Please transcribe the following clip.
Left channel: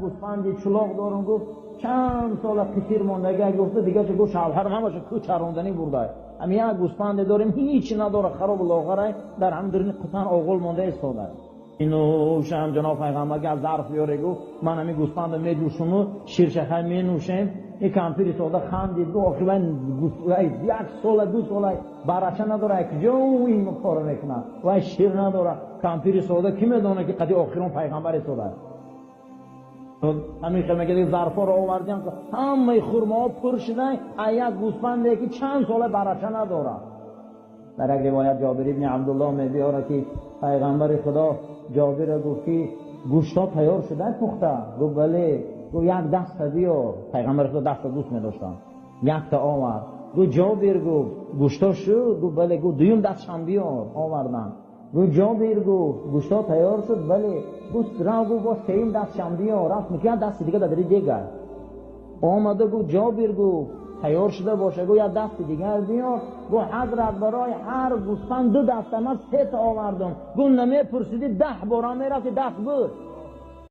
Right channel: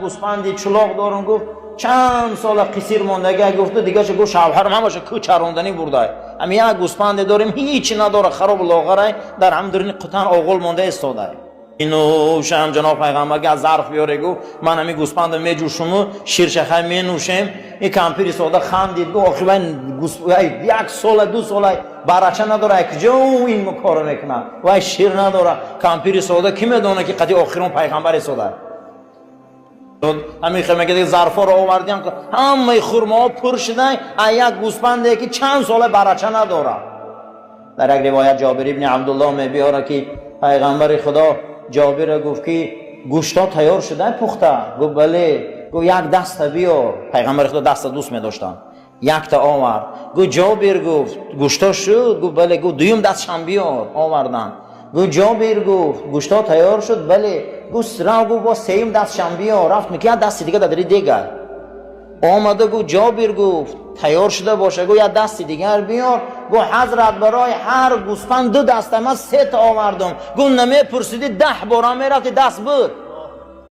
گوسفندی چلاق دارم. گفت چند سال قصیر موندگی. گفت دیگه چه؟ گفت شوهرم همش کو چراندنی برده. اما یک گوسفند داریم هیچی نداره، خراب لاغره، در همدرین قطعا آغل مونده استاده. اینو شام جناب پیغمبر که از ظرف بیاره گفت من همین گوسفند میجوشم شیرشخه می نوشم. این کمپیر سودا خندید گفت آخه من گوسفند یک سال دو سال برچه نداره که جو این کارو میکنه و شیر نداره. کمپیر سودا کی میدونه که قضیه آخرون پیغمبر سودا. همین خیمه که ظرفا رو آوردیم که همه خرما پر شده، یک گوسفنده که چند سال برچه نداره. در یک روایت جابر ابن عبدالله میبیاره که پیغمبر خدا جابر گفت که گوشتا تیار شده پخته؟ گفت بله. گفت یک دست بیار. پیغمبر خدا دست دوست می داشتن، یک تا آورد. گفت جابر گفت گوشتا شد؟ گفت بله. گفت دویم دستشم بیار. آوردن. گفت جابر گفت گوشتا تیار شد؟ بله. گفت را گفت با سیم دستشم بیار. رفت میگه دست دیگه دادری دیگه آمده. گفت جابر گفت تیار شده باشه. گفت یک دست دیگر بیار. گفت حضرت برای هر گوسفند دو دست، من 3 تا آوردم. گفت نمی پرسیدی 10 بار میرفتی دست بود.